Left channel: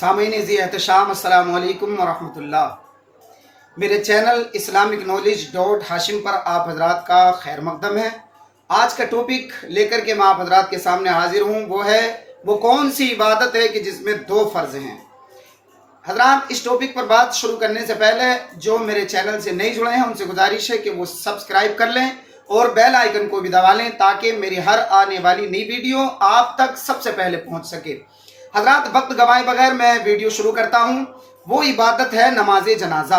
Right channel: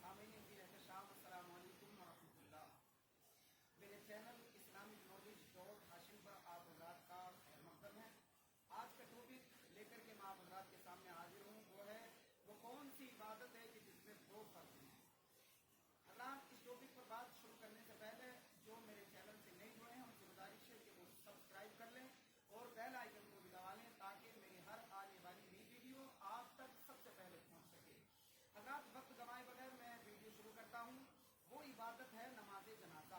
सामीन ज़ी एहतशाम अस्सलामु अलैकुम वरहमतुल्लाह। मेरे channel Islamic knowledge dot Hashim पर आप हजरात का खैर मकदम है। आज का टॉपिक लेकर के मैं आप हजरात के सामने हाजिर हूँ। वो कौन सी इबादत है कि जिसमें दो फ़र्ज़ हैं। हजरात, इस टॉपिक पर बात शुरू करने से पहले जो मेरे चैनल से नहीं जुड़े हैं उनसे गुजारिश है कि वो सब्सक्राइब कर लें और बेल आइकन को भी दबा लें ताकि मेरी हर आने वाली नई वीडियो आप तक सबसे पहले पहुंच सके। हजरात, वक्त गवाए बगैर मैं वीडियो शुरू करता हूं। वो इबादत है नमाज जनाजा।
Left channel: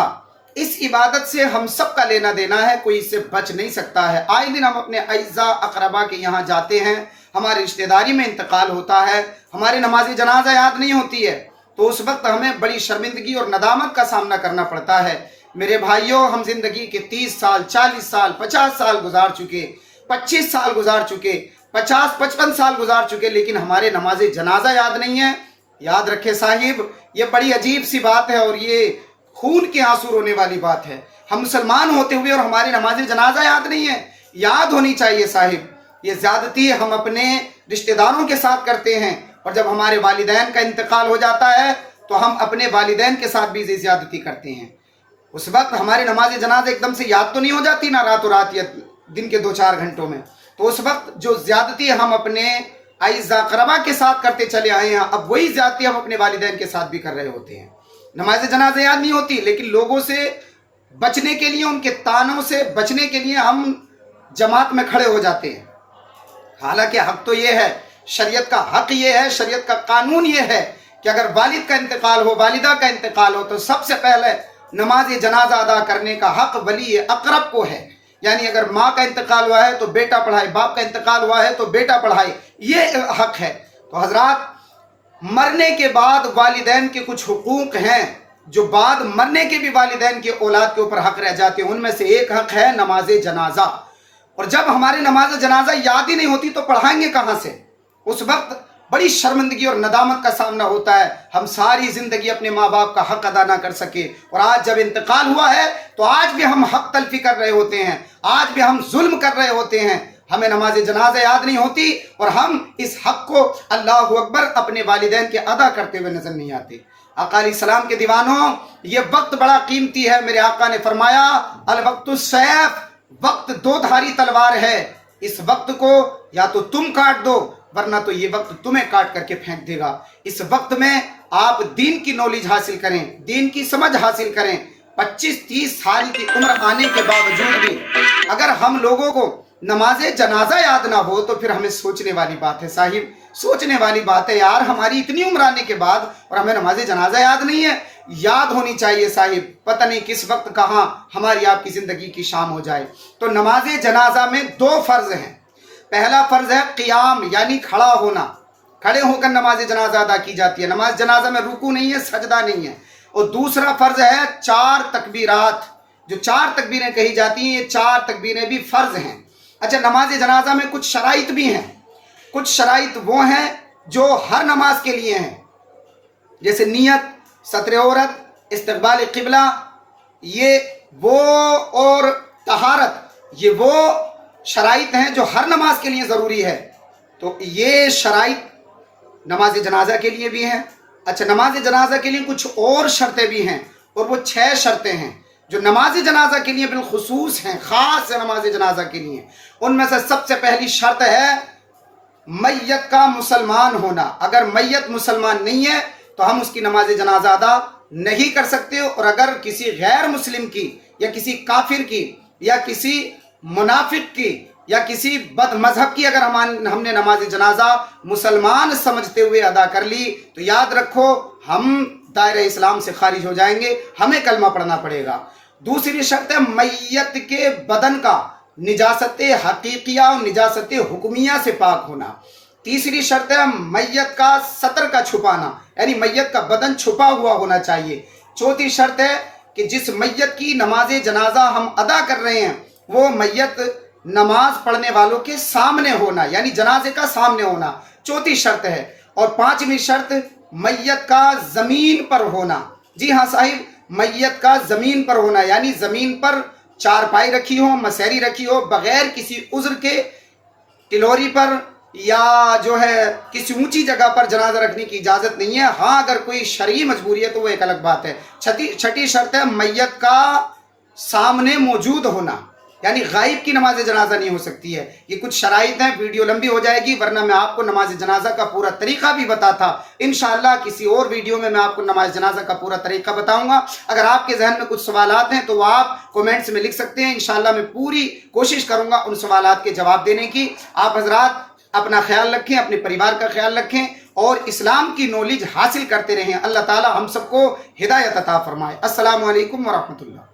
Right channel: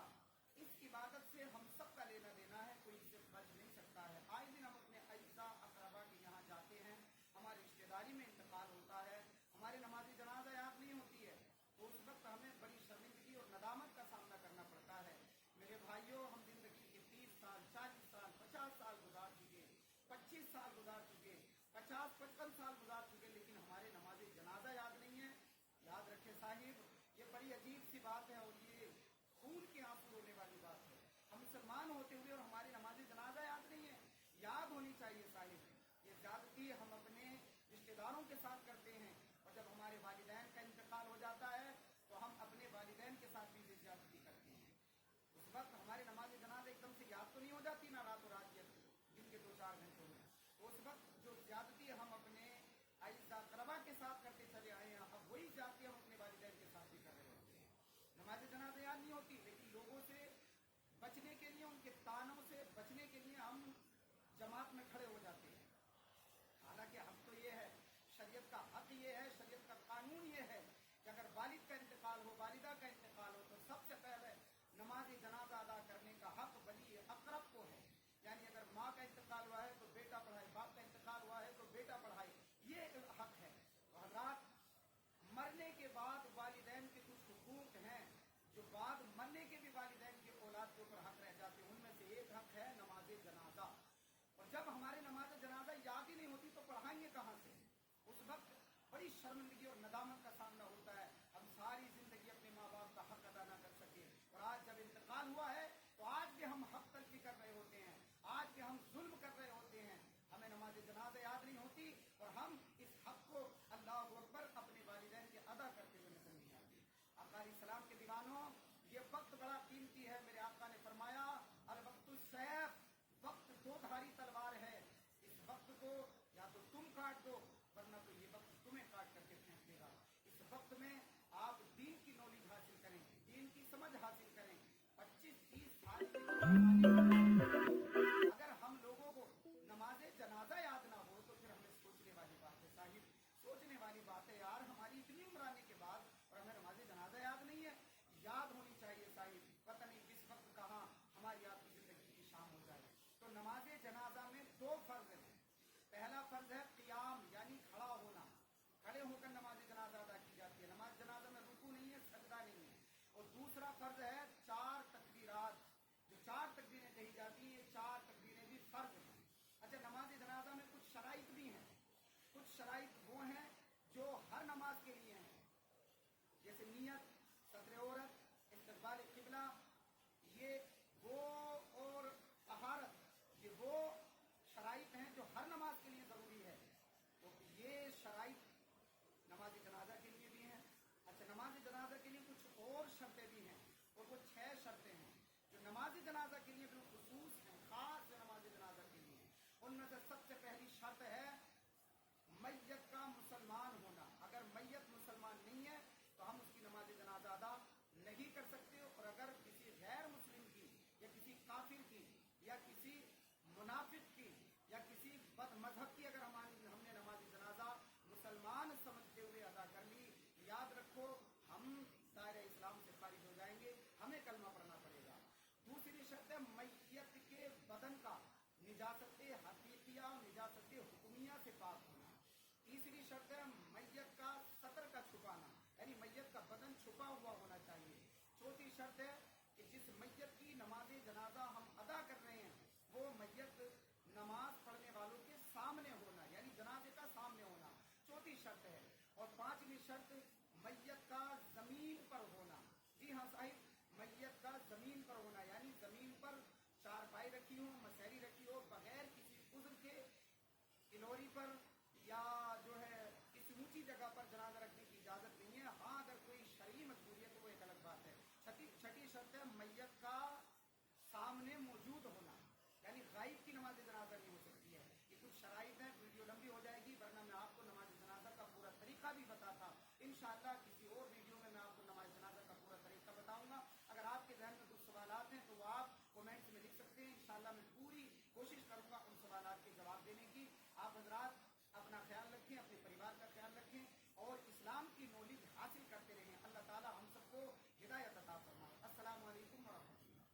इस इबादत से हम सब का लेना देना है, कोई इससे बच नहीं सकता है। आए दिन हम अपने अइज़ा अकरबा के यहाँ जाते हैं, हमारी रिश्तेदारी में इंतकाल होता है, हमारे नमाज जनाजा याद नहीं होती है, तो उस वक्त हमें बड़ी शर्मिंदगी और नदामत का सामना करना पड़ता है। मेरे भाइयों, हम जिंदगी के 30 साल, 40 साल, 50 साल गुजार चुके, 25 साल गुजार चुके, 50-55 साल गुजार चुके, लेकिन हमारे नमाज जनाजा याद नहीं है। याद रखे साहिब, ये बड़ी अजीब सी बात है और ये खून के आंसू रोने वाली बात है। हम मुसलमान होते हुए और हमारे नमाज जनाजा याद नहीं है। याद होनी चाहिए साहिब। ये ज्यादती हम अपने रिश्तेदारों के साथ करते हैं और जब हमारे वालिदैन का इंतकाल हो जाता है तो हम अपने वालिदैन के साथ भी ज्यादती करते हैं। उस वक्त हमारी नमाज जनाजा एकदम से याद तो नहीं हो जाती ना, रातों रात या दिन के 2-4 घंटों में। तो उस वक्त जो ज्यादती हम अपने अइज़ा अक़रबा के साथ करते चले आए हैं, अब वही ज्यादती हम अपने वालिदैन के साथ भी कर रहे होते हैं। नमाज जनाजा याद नहीं होती, लेकिन लोगों से बचने के लिए, उनके तानों से बचने के लिए हम जमात में खड़े हो जाते हैं। हालांकि हक तो ये है, शरीयत का हक ये है, शरीयत का कानून ये है कि अगर वालिद का इंतकाल हो, वालिदा का इंतकाल हो, तो सबसे पहले नमाज जनाजा अदा करने का हक वली अक़रब को है। यानी अगर माँ का इंतकाल हुआ है तो बेटा पढ़ाए, बाप का इंतकाल हुआ है तो बेटा पढ़ाए, ये हक है। तो हजरात, मरने के बाद वालिदैन के कुछ हुकूक हैं जो बाद मरने के भी वालिदैन के औलाद के ऊपर हक रह जाते हैं। उनमें से एक हक है नमाज जनाजा। और जब हमारे नमाज जनाजा याद ही नहीं होती तो पढ़ाएंगे कहाँ से? उस वक्त बड़ी शर्मिंदगी और नदामत का सामना होता है। हम सारी जिंदगी अपने माँ बाप का हक अदा ना कर सके और आज जब इंतकाल हुआ है तो आज भी हम हक तलफी कर रहे होते हैं, आज भी हम जुल्म कर रहे होते हैं। हमें नमाज जनाजा याद नहीं होती और हम इस हक को अल्लाहु अकबर अपने वालिदैन के अदा करते हुए नजर नहीं आते। आका अलैहिस्सलाम के दीवानों, ये वक्त बड़ा कीमती है। मेरे आका ने फरमाया, अल वक्तु सैफ, वक्त दो धारी तलवार है। इस वक्त को या तो तुम काट दो वरना तो ये वक्त तुम्हें काट करके फेंक देगा। इस वक्त में आप दीन की नॉलेज हासिल करें, दीन की समझ हासिल करें। 25-30 साल की उम्र आने के बावजूद भी अगर हम लोगों को नमाज जनाजा याद ना हो तो फिर हमें सोचने वाली बात है साहिब, सोचने वाली बात है यार। हमारी इतनी उम्र आने के बाद और हमें नमाज जनाजा याद नहीं है। याद होनी चाहिए साहिब। पता नहीं किस वक्त कहाँ हमारी आपकी जिंदगी की शाम हो जाए। तो नमाज जनाजा में 2 फर्ज हैं। पहला फर्ज है क़ियाम, यानी खड़ा होना। खड़े होकर नमाज जनाजा अदा की जाती है। नमाज जनाजा में रुकू नहीं है, सजदा नहीं है। और दूसरा फर्ज है 4 तकबीरात। जो 4 तकबीरें कही जाती हैं, ये 4 तकबीरें भी फर्ज हैं। अच्छा, नमाज जनाजा में कुछ शराइत भी हैं। कुछ शराइत वो हैं जो हर नमाज के लिए हैं, जैसे नियत, सत्र औरत, इस्तक़बाल क़िबला, ये वो, और तहारत, ये वो शराइत हैं जो हर नमाज के लिए ज़रूरी है। तो ये शराइत नमाज जनाजा के लिए भी हैं। अच्छा, नमाज जनाजा के लिए कुछ और शर्तें भी हैं और वो 6 शर्तें हैं जो नमाज जनाजा के लिए बिलखुसूस हैं, ख़ास है नमाज जनाजा के लिए। उनमें से सबसे पहली शर्त है मैयत का मुसलमान होना। अगर मैयत मुसलमान नहीं है तो हम उसकी नमाज जनाजा अदा नहीं कर सकते। और अगर किसी गैर मुस्लिम की या किसी काफिर की या किसी मुनाफिक की या किसी बद मजहब की अगर हमने नमाज जनाजा मुसलमान समझते हुए अदा कर ली तो याद रखो हम दायरे इस्लाम से खारिज हो जाएंगे, हमें कलमा पढ़ना पड़ेगा। दूसरी शर्त है मैयत के बदन का निजासत हकीकिया और निजासत हुक्मिया से पाक होना। तीसरी शर्त है मैयत का सतर का छुपाना, यानी मैयत का बदन छुपा हुआ होना चाहिए। चौथी शर्त है कि जिस मैयत की नमाज जनाजा हम अदा कर रहे हैं वो मैयत नमाज पढ़ने वालों के सामने होना, यानी जनाजे का सामने होना, चौथी शर्त है। और 5वीं शर्त मैयत का जमीन पर होना। जी हाँ साहिब, मैयत का जमीन पर होना, यानी जमीन पर चारपाई रखी हो, मसहरी रखी हो, बगैर किसी उज्र के टिलोरी पर या जो है किसी ऊंची जगह पर जनाजा रखने की इजाज़त नहीं है। हाँ, अगर कोई शरई मजबूरी है तो वो एक अलग बात है। छठी शर्त है मैयत का सामने मौजूद होना, यानी गायब की नमाज जनाजा नहीं हो सकती है। ये कुछ शराइत हैं, वीडियो लंबी हो जाएगी, वरना मैं आपको नमाज जनाजा का पूरा तरीका भी बताता। इंशाअल्लाह किसी और वीडियो में मैं आपको नमाज जनाजा का पूरा तरीका बताऊंगा। अगर आपके जहन में कुछ सवालात हैं तो वो आप कमेंट्स में लिख सकते हैं। इंशाअल्लाह मैं पूरी कोशिश करूंगा उन सवालात के जवाब देने की। आप हजरात अपना ख्याल रखें, अपने परिवार का ख्याल रखें और इस्लाम की नॉलेज हासिल करते रहें। अल्लाह ताला हम सबको हिदायत अता फरमाए। अस्सलामु अलैकुम व रहमतुल्लाह।